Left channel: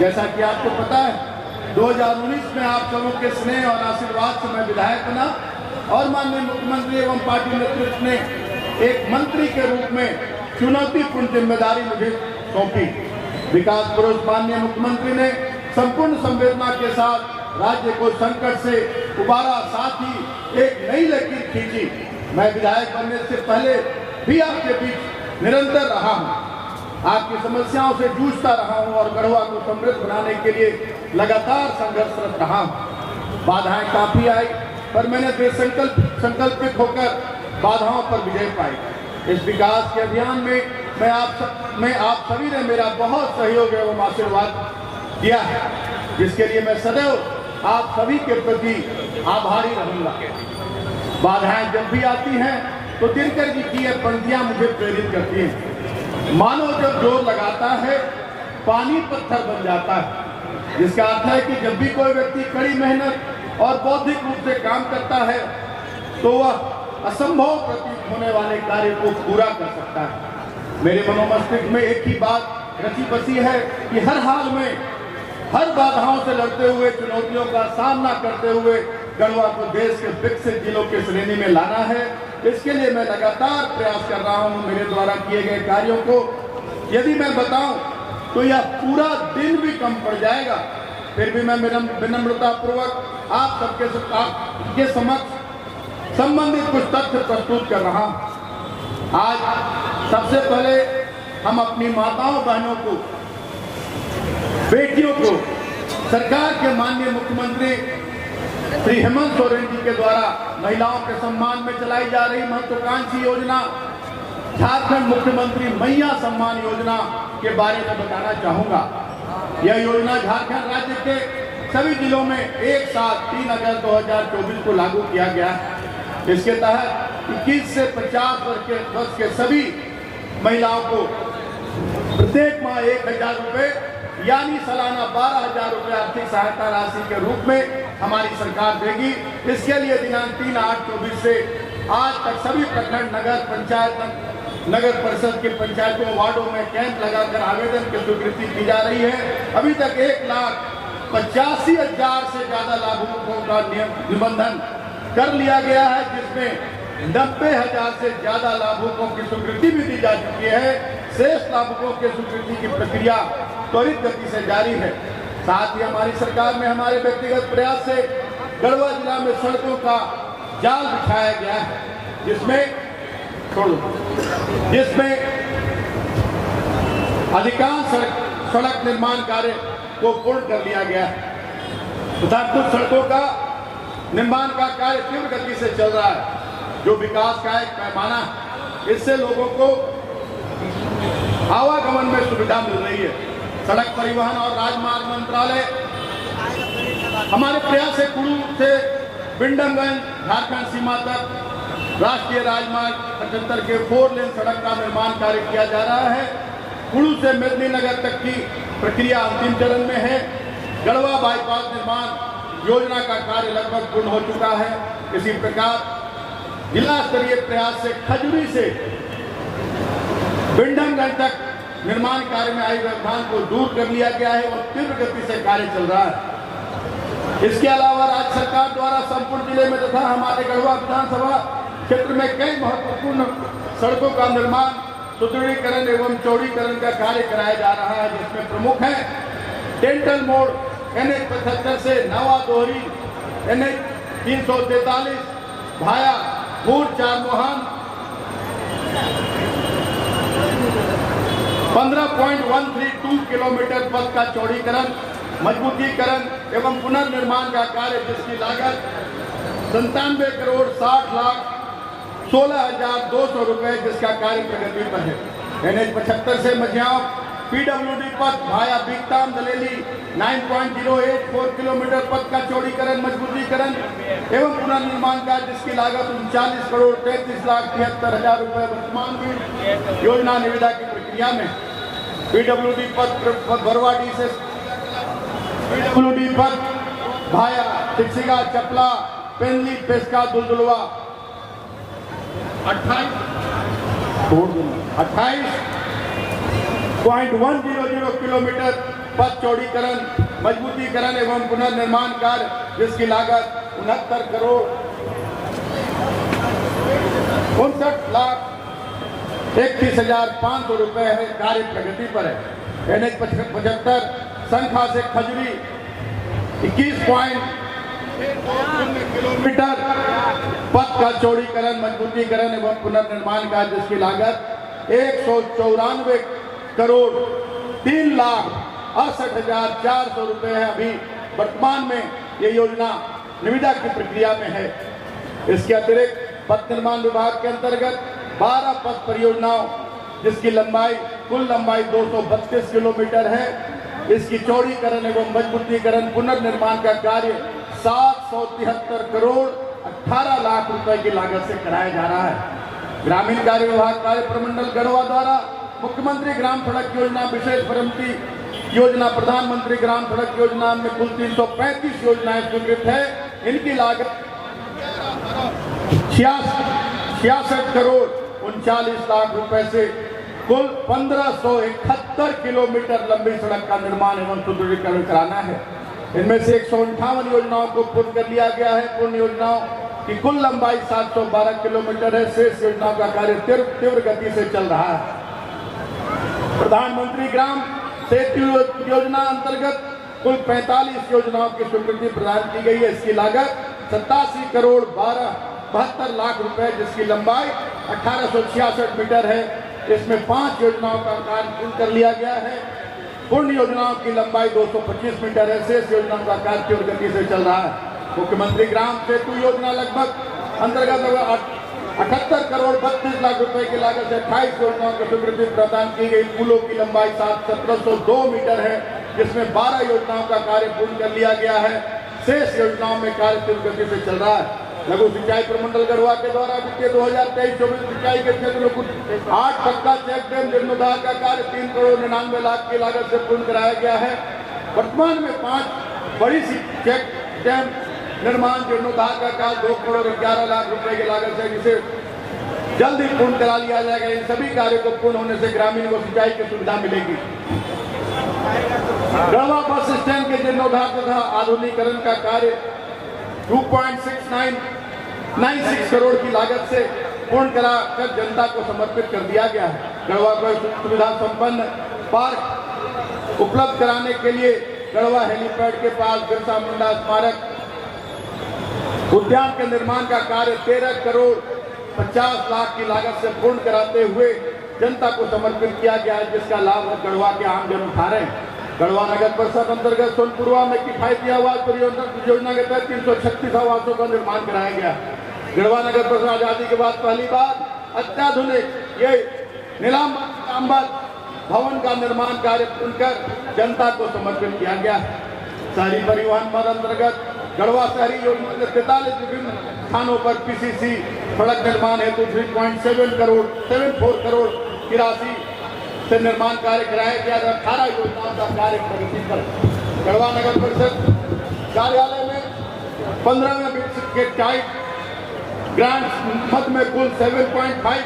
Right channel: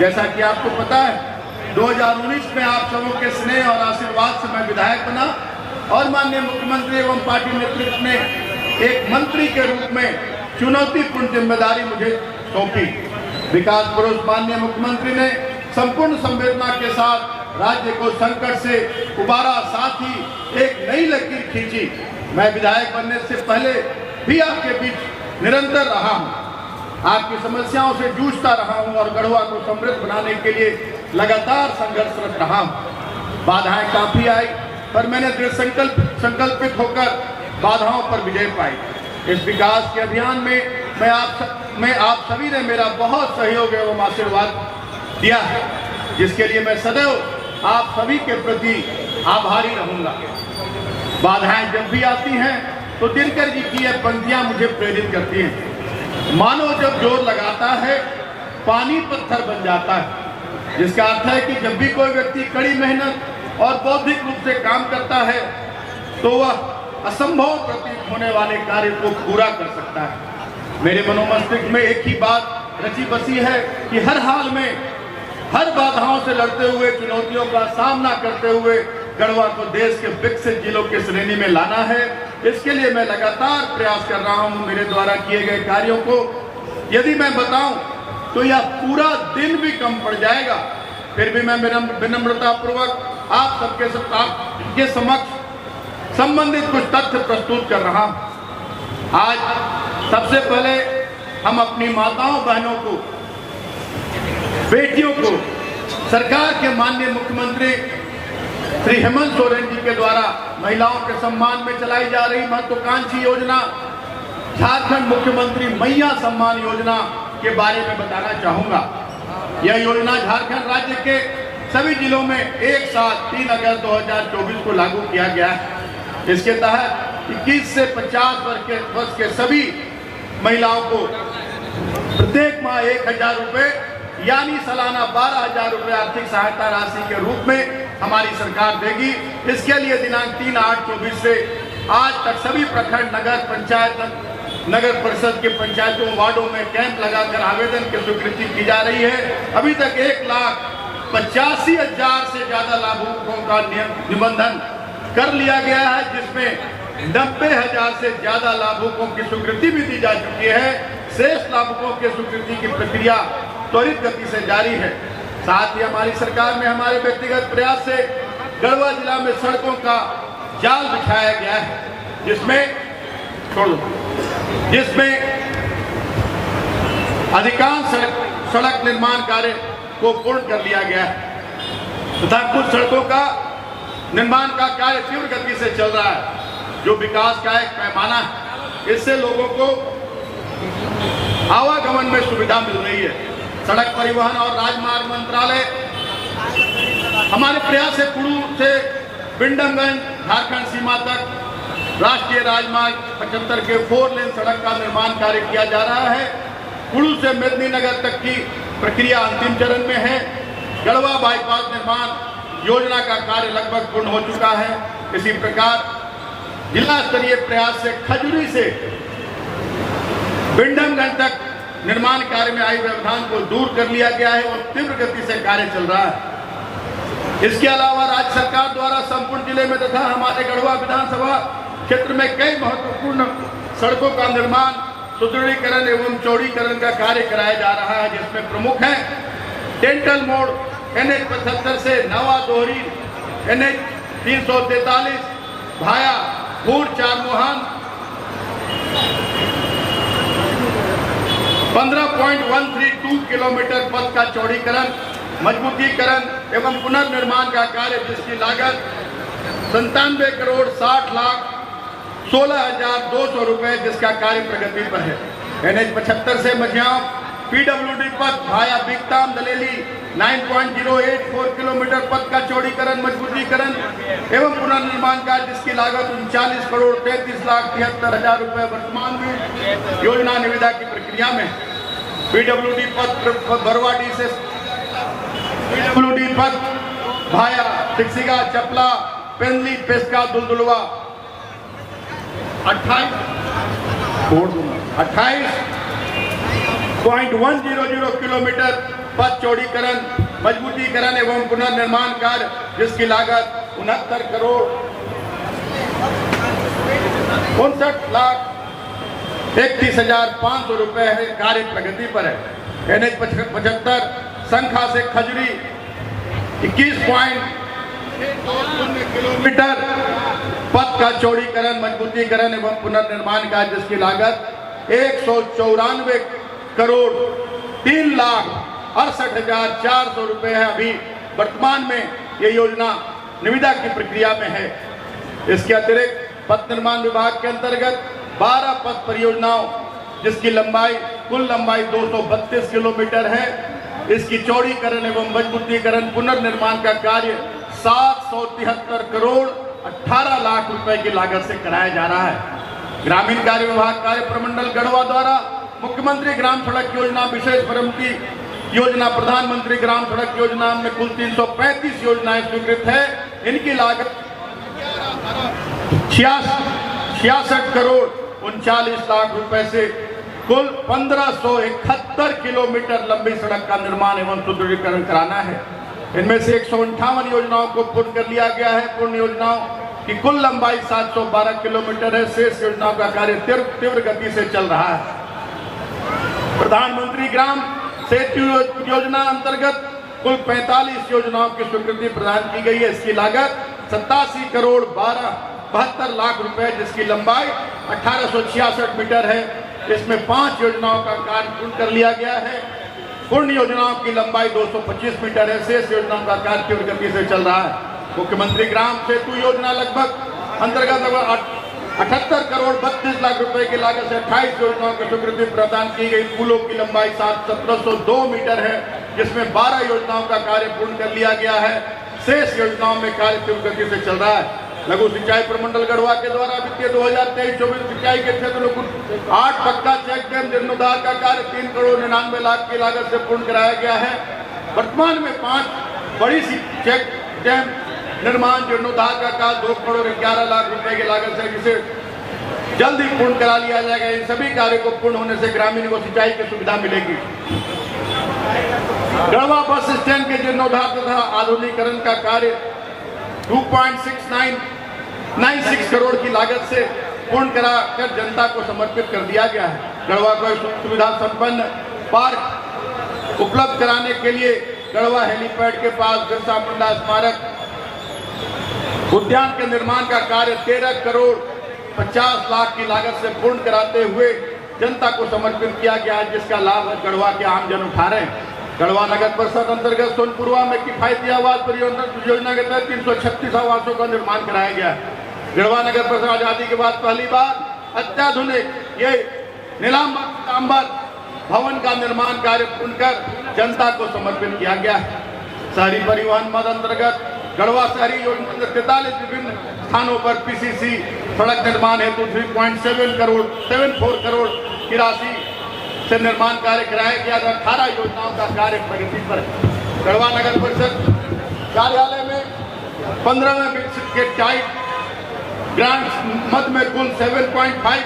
जैसा कि आपको पता है 2019 में आप सबों के स्नेह और आशीर्वाद से मैं विधायक बना और माननीय मुख्यमंत्री एवं पार्टी नेतृत्व ने एक मंत्री के रूप में चुनौतीपूर्ण जिम्मेदारी मुझे सौंपी। विकास पुरुष माननीय मुख्यमंत्री ने संपूर्ण संवेदना के साथ राज्य को संकट से उबारा, साथ ही एक नई लकीर खींची। मैं विधायक बनने से पहले भी आपके बीच निरंतर रहा हूं, आपकी समस्याओं से जूझता रहा हूं और गढ़वा को समृद्ध बनाने के लिए लगातार संघर्षरत रहा हूं। बाधाएं काफी आई, पर मैंने दृढ़ संकल्पित होकर बाधाओं पर विजय पाई। इस विकास के अभियान में आप सभी ने मेरा बहुत सहयोग एवं आशीर्वाद दिया है, जिसके लिए मैं सदैव आप सभी के प्रति आभारी रहूंगा। बाधाएं जब भी आती हैं तो दिनकर जी की यह पंक्तियां मुझे प्रेरित करती हैं। मानो जब जोर लगाता है पानी पत्थर बन जाता है, जिसका अर्थ है कि जब भी कोई व्यक्ति कड़ी मेहनत और बौद्धिक रूप से काम करता है तो वह असंभव प्रतीत होने वाले कार्य को पूरा कर सकता है। मेरे मनोमस्तिष्क में एक ही बात रची बसी है कि हर हाल में हर बाधाओं से लड़ते हुए, चुनौतियों का सामना करते हुए गढ़वा को देश के विकसित जिलों की श्रेणी में लाना है। इसके लिए मैं लगातार प्रयास कर रहा हूं। मेरे द्वारा किए गए कार्यों को यदि मैं बताऊं तो यह पूरा दिन भी कम पड़ जाएगा, फिर भी मैं विनम्रता पूर्वक आप सबके समक्ष संबंधित कुछ तथ्य प्रस्तुत कर रहा हूं। आज सबसे पहले हम अपनी माताओं बहनों को, बेटियों को सरकार के माननीय मुख्यमंत्री श्री हेमंत सोरेन जी के द्वारा महिलाओं के सम्मान में चलाई जा रही महत्वाकांक्षी योजना झारखंड मुख्यमंत्री मैया सम्मान योजना के बारे में बताना चाहूंगा। यह योजना झारखंड राज्य के सभी जिलों में एक साथ 3 अगस्त 2024 को लागू किया गया है। इसके तहत 21 से 50 वर्ष के सभी महिलाओं को प्रत्येक माह 1000 रुपए यानी सालाना 12,000 रुपए आर्थिक सहायता राशि के रूप में हमारी सरकार देगी। इसके लिए दिनांक 3/8/24 से आज तक सभी प्रखंड, नगर पंचायत, नगर परिषद के पंचायतों, वार्डों में कैंप लगाकर आवेदन की स्वीकृति की जा रही है। अभी तक 1,85,000 से ज्यादा लाभुकों का निबंधन कर लिया गया है, जिसमें 90,000 से ज्यादा लाभुकों की स्वीकृति भी दी जा चुकी है। शेष लाभुकों की स्वीकृति की प्रक्रिया त्वरित गति से जारी है। साथ ही हमारी सरकार ने हमारे व्यक्तिगत प्रयास से गढ़वा जिला में सड़कों का जाल बिछाया गया है, जिसमें अधिकांश सड़क निर्माण कार्य को पूर्ण कर लिया गया है तथा कुछ सड़कों का निर्माण का कार्य तीव्र गति से चल रहा है, जो विकास का एक पैमाना है। इससे लोगों को आवागमन में सुविधा मिल रही है। सड़क परिवहन और राजमार्ग मंत्रालय हमारे प्रयास से कुड़ू से बिंडमगंज झारखंड सीमा तक राष्ट्रीय राजमार्ग 75 के 4 लेन सड़क का निर्माण कार्य किया जा रहा है। कुड़ू से मेदिनीनगर तक की प्रक्रिया अंतिम चरण में है। गढ़वा बाईपास निर्माण योजना का कार्य लगभग पूर्ण हो चुका है। इसी प्रकार जिला स्तरीय प्रयास से खजुरी से बिंडमगंज तक निर्माण कार्य में आई व्यवधान को दूर कर लिया गया है और तीव्र गति से कार्य चल रहा है। इसके अलावा राज्य सरकार द्वारा संपूर्ण जिले में तथा हमारे गढ़वा विधानसभा क्षेत्र में कई महत्वपूर्ण सड़कों का निर्माण, सुदृढ़ीकरण एवं चौड़ीकरण का कार्य कराया जा रहा है, जिसमें प्रमुख है डेंटल मोड़ NH 75 से नवा दोहरी NH 343 भाया भूर चारमोहन 15.132 किलोमीटर पथ का चौड़ीकरण, मजबूतीकरण एवं पुनर्निर्माण का कार्य, जिसकी लागत 97 करोड़ 60 लाख 16,200 रुपए, जिसका कार्य प्रगति पर है। NH 75 से मझियाव PWD पथ भाया बिकताम दलेली 9.084 किलोमीटर पथ का चौड़ीकरण, मजबूतीकरण एवं पुनर्निर्माण का, जिसकी लागत 39 करोड़ 33 लाख 73,000 रुपए वर्तमान में योजना निविदा की प्रक्रिया में। PWD पथ बरवाडी से PWD पथ भाया सिक्सिगा चपला पेंदली पेस्का दुलदुलवा 28.100 किलोमीटर पथ चौड़ीकरण, मजबूतीकरण एवं पुनर्निर्माण कार्य जिसकी लागत 69,59,31,500 रुपए है, कार्य प्रगति पर है। NH 75 संखा से खजुरी 21.620 किलोमीटर पथ का चौड़ीकरण, मजबूतीकरण एवं पुनर्निर्माण कार्य जिसकी लागत 194 करोड़ 3,68,400 रुपए है। अभी वर्तमान में ये योजना निविदा की प्रक्रिया में है। इसके अतिरिक्त पथ निर्माण विभाग के अंतर्गत 12 पथ परियोजनाओं जिसकी कुल लंबाई 232 किलोमीटर है, इसकी चौड़ीकरण एवं मजबूतीकरण पुनर्निर्माण का कार्य 773 करोड़ 18 लाख रुपए की लागत से कराया जा रहा है। ग्रामीण कार्य विभाग कार्य प्रमंडल गढ़वा द्वारा मुख्यमंत्री ग्राम सड़क योजना, विशेष परमती योजना, प्रधानमंत्री ग्राम सड़क योजना में कुल 335 योजनाएं स्वीकृत है। इनकी लागत 66 करोड़ 39 लाख रुपए से कुल 1571 किलोमीटर लंबी सड़क का निर्माण एवं सुदृढ़ीकरण कराना है। इनमें से 158 योजनाओं को पूर्ण कर लिया गया है। पूर्ण योजनाओं की कुल लंबाई 712 किलोमीटर है। शेष योजनाओं का कार्य तीव्र गति से चल रहा है। प्रधानमंत्री ग्राम सेतु योजना अंतर्गत कुल 45 योजनाओं की स्वीकृति प्रदान की गई है। इसकी लागत 87 करोड़ 72 लाख रुपए जिसकी लंबाई 1866 मीटर है। इसमें 5 योजनाओं का कार्य पूर्ण कर लिया गया है। पूर्ण योजनाओं की लंबाई 225 मीटर है। शेष योजनाओं का कार्य तीव्र गति से चल रहा है। मुख्यमंत्री ग्राम सेतु योजना लगभग अंतर्गत 78 करोड़ 32 लाख रुपए की लागत से 28 योजनाओं को स्वीकृति प्रदान की गई। पुलों की लंबाई 1702 मीटर है, जिसमें 12 योजनाओं का कार्य पूर्ण कर लिया गया है। शेष योजनाओं में कार्य तीव्र गति से चल रहा है। लघु सिंचाई प्रमंडल गढ़वा के द्वारा वित्तीय 2023-24 सिंचाई के क्षेत्र में 8 पक्का चेक डैम जीर्णोद्धार का कार्य 3 करोड़ 99 लाख की लागत से पूर्ण कराया गया है। वर्तमान में 5 बड़ी सी चेक डैम निर्माण जीर्णोद्धार का कार्य 2 करोड़ 11 लाख रुपए की लागत से जिसे जल्द ही पूर्ण करा लिया जाएगा। इन सभी कार्य को पूर्ण होने से ग्रामीण को सिंचाई की सुविधा मिलेगी। गढ़वा बस स्टैंड के जीर्णोद्धार तथा आधुनिकीकरण का कार्य 2.6996 करोड़ की लागत से पूर्ण कराकर जनता को समर्पित कर दिया गया है। गढ़वा को सुविधा संपन्न पार्क उपलब्ध कराने के लिए गढ़वा हेलीपैड के पास बिरसा मुंडा स्मारक उद्यान के निर्माण का कार्य 13 करोड़ 50 लाख की लागत से पूर्ण कराते हुए जनता को समर्पित किया गया है, जिसका लाभ गढ़वा के आमजन उठा रहे हैं। गढ़वा नगर परिषद अंतर्गत सोनपुरवा में किफायती आवास परियोजना के तहत 336 आवासों का निर्माण कराया गया। गढ़वा नगर परिषद आजादी के बाद पहली बार अत्याधुनिक ये नीलांबर भवन का निर्माण कार्य पूर्ण कर जनता को समर्पित किया गया। शहरी परिवहन मद अंतर्गत गढ़वा शहरी योजना 43 विभिन्न स्थानों पर PCC सड़क निर्माण हेतु 3.74 करोड़ की राशि से निर्माण कार्य कराया गया। 18 योजनाओं का कार्य प्रगति पर। गढ़वा नगर परिषद कार्यालय में 15वें विकसित के टाइप ग्रांट मद में कुल 7.5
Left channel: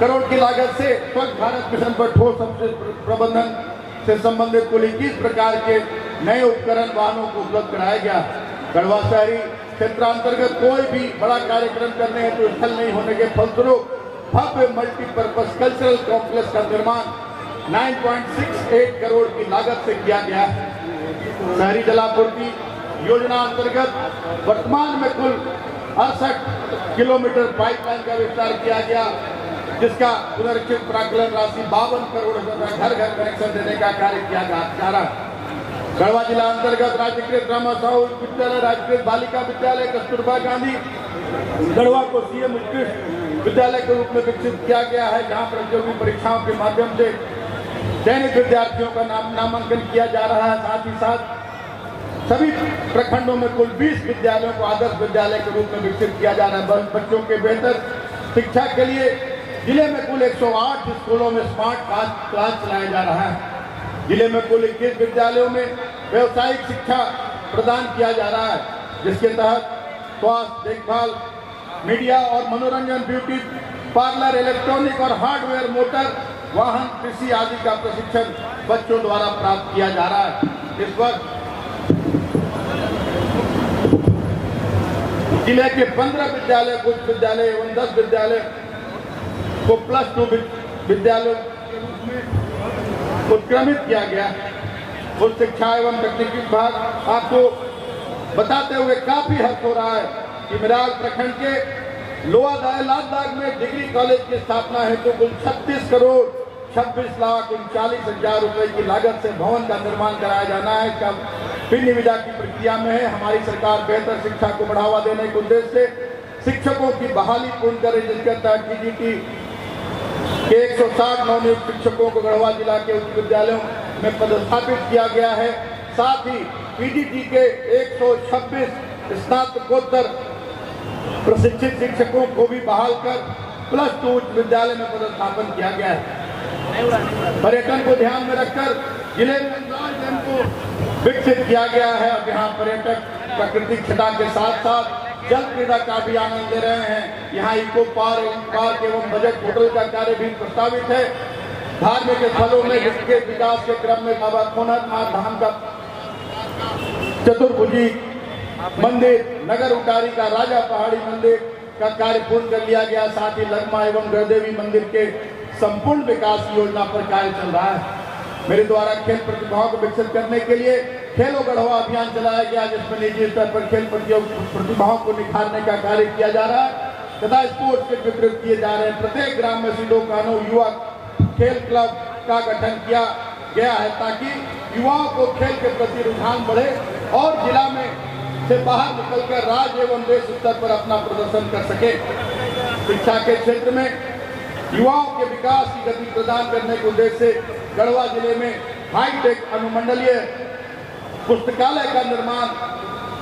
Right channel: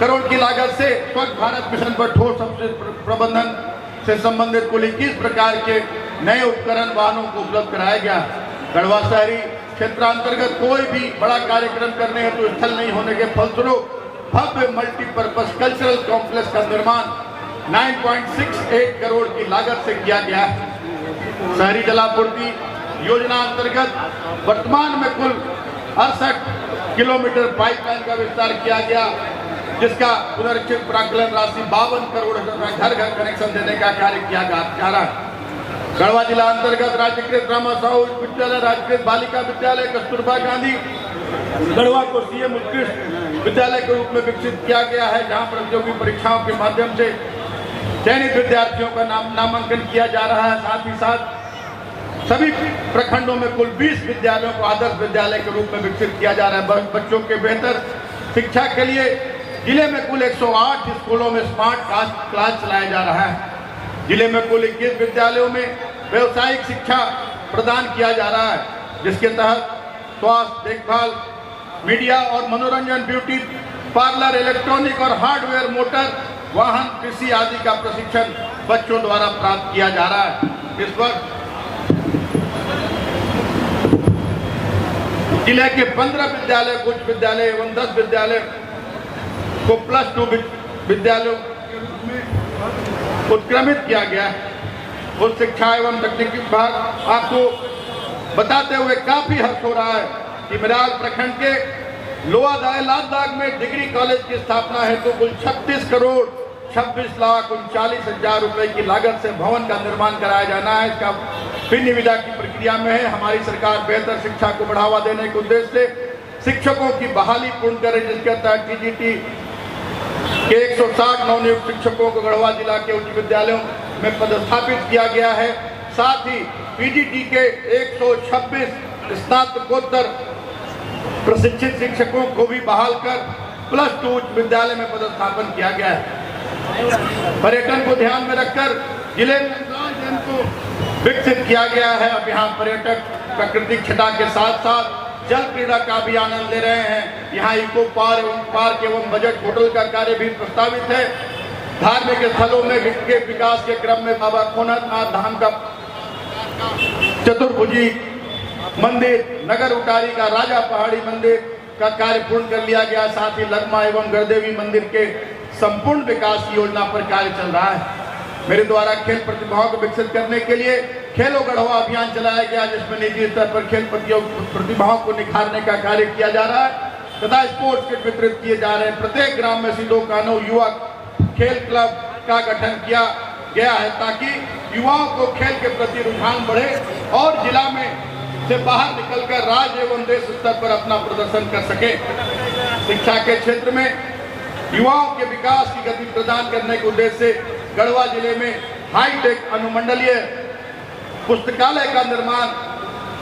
करोड़ की लागत से स्वच्छ भारत मिशन पर ठोस अपशिष्ट प्रबंधन से संबंधित कुल 21 प्रकार के नए उपकरण वाहनों को उपलब्ध कराया गया। गढ़वा शहरी क्षेत्रांतर्गत कोई भी बड़ा कार्यक्रम करने हेतु स्थल नहीं होने के फलस्वरूप भव्य मल्टीपर्पज कल्चरल कॉम्प्लेक्स का निर्माण 9.68 करोड़ की लागत से किया गया है। शहरी जलापूर्ति योजना अंतर्गत वर्तमान में कुल 68 किलोमीटर पाइपलाइन का विस्तार किया गया, जिसका पुनरीक्षित प्राकलन राशि 52 करोड़ रुपए घर घर कनेक्शन देने का कार्य किया जा रहा है। गढ़वा जिला अंतर्गत राजकीय ड्रामा साहू विद्यालय, राजकीय बालिका विद्यालय, कस्तूरबा गांधी गढ़वा को CM उत्कृष्ट विद्यालय के रूप में विकसित किया गया है, जहां प्रतियोगी परीक्षाओं के माध्यम से चयनित विद्यार्थियों का नामांकन किया जा रहा है। साथ ही साथ सभी प्रखंडों में कुल 20 विद्यालयों को आदर्श विद्यालय के रूप में विकसित किया जा रहा है। बच्चों के बेहतर शिक्षा के लिए जिले में कुल 108 स्कूलों में स्मार्ट क्लास चलाया जा रहा है। जिले में कुल 21 विद्यालयों में व्यवसायिक शिक्षा प्रदान किया जा रहा है, जिसके तहत स्वास्थ्य देखभाल, मीडिया और मनोरंजन, ब्यूटी पार्लर, इलेक्ट्रॉनिक और हार्डवेयर, मोटर वाहन, कृषि आदि का प्रशिक्षण बच्चों द्वारा प्राप्त किया जा रहा है। इस वक्त जिले के 15 विद्यालय, उच्च विद्यालय एवं 10 विद्यालय को +2 विद्यालयों के रूप में उत्क्रमित किया गया। उच्च शिक्षा एवं तकनीकी विभाग आपको बताते हुए काफी हर्ष हो रहा है कि मिराल प्रखंड के लोहादाय लालबाग में डिग्री कॉलेज की स्थापना हेतु कुल 36 करोड़ 26,39,40,000 रुपए की लागत से भवन का निर्माण कराया जाना है। इसका फिर निविदा की प्रक्रिया में है। हमारी सरकार बेहतर शिक्षा को बढ़ावा देने के उद्देश्य से शिक्षकों की बहाली पूर्ण करे, जिसके तहत टीजीटी के 160 नवनियुक्त शिक्षकों को गढ़वा जिला के उच्च विद्यालयों में पदस्थापित किया गया है। साथ ही पीजीटी के 126 स्नातकोत्तर प्रशिक्षित शिक्षकों को भी बहाल कर +2 उच्च विद्यालय में पदस्थापन किया गया है। पर्यटन को ध्यान में रखकर जिले में डैम को विकसित किया गया है। अब यहाँ पर्यटक प्राकृतिक छटा के साथ साथ जल क्रीड़ा का भी आनंद ले रहे हैं। यहाँ इको पार्क एवं बजट होटल का कार्य भी प्रस्तावित है। धार्मिक स्थलों में के विकास के क्रम में बाबा खोनाथ धाम का चतुर्भुजी मंदिर, नगर उटारी का राजा पहाड़ी मंदिर का कार्य पूर्ण कर लिया गया। साथ ही लरमा एवं गढ़देवी मंदिर के संपूर्ण विकास की योजना पर कार्य चल रहा है। मेरे द्वारा खेल प्रतिभाओं को विकसित करने के लिए खेलो गढ़वा अभियान चलाया गया, जिसमें निजी स्तर पर खेल प्रतिभाओं को निखारने का कार्य किया जा रहा है तथा स्पोर्ट्स किट वितरित किए जा रहे हैं। प्रत्येक ग्राम में सिंधो कानो युवा खेल क्लब का गठन किया गया है ताकि युवाओं को खेल के प्रति रुझान बढ़े और जिला में से बाहर निकलकर राज्य एवं देश स्तर पर अपना प्रदर्शन कर सके। शिक्षा के क्षेत्र में युवाओं के विकास की गति प्रदान करने के उद्देश्य से गढ़वा जिले में हाईटेक अनुमंडलीय पुस्तकालय का निर्माण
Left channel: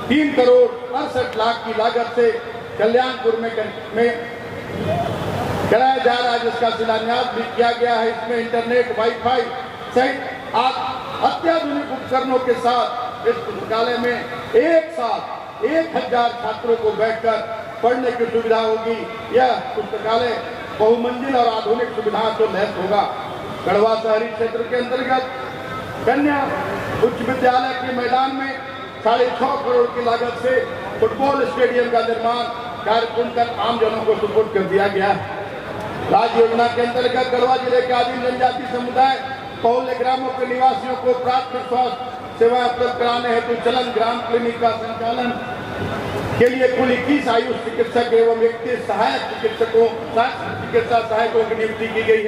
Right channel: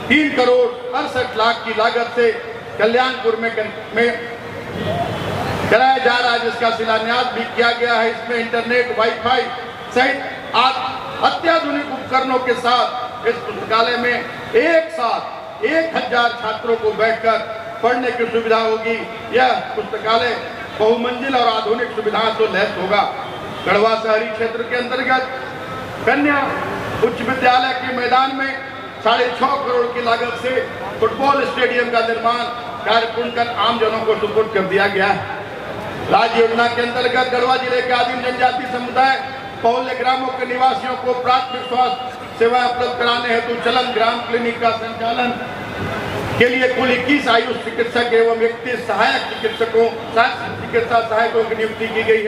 3 करोड़ 68 लाख की लागत से कल्याणपुर में कराया जा रहा है, जिसका शिलान्यास भी किया गया है। इसमें इंटरनेट, वाईफाई सहित अत्याधुनिक उपकरणों के साथ इस पुस्तकालय में एक साथ 1000 छात्रों को बैठकर पढ़ने की सुविधा होगी। यह पुस्तकालय बहुमंजिल और आधुनिक सुविधाओं से लैस होगा। गढ़वा शहरी क्षेत्र के अंतर्गत कन्या उच्च विद्यालय के मैदान में 6.5 करोड़ की लागत से फुटबॉल स्टेडियम का निर्माण कार्य पूर्ण कर आमजनों को सुपुर्द कर दिया गया। राज्य योजना के अंतर्गत गढ़वा जिले के आदिम जनजाति समुदाय पौल्य ग्रामों के निवासियों को प्राथमिक स्वास्थ्य सेवाएं उपलब्ध कराने हेतु चलन ग्राम क्लिनिक का संचालन के लिए कुल 21 आयुष चिकित्सक एवं 31 सहायक चिकित्सा सहायकों की नियुक्ति की गई है।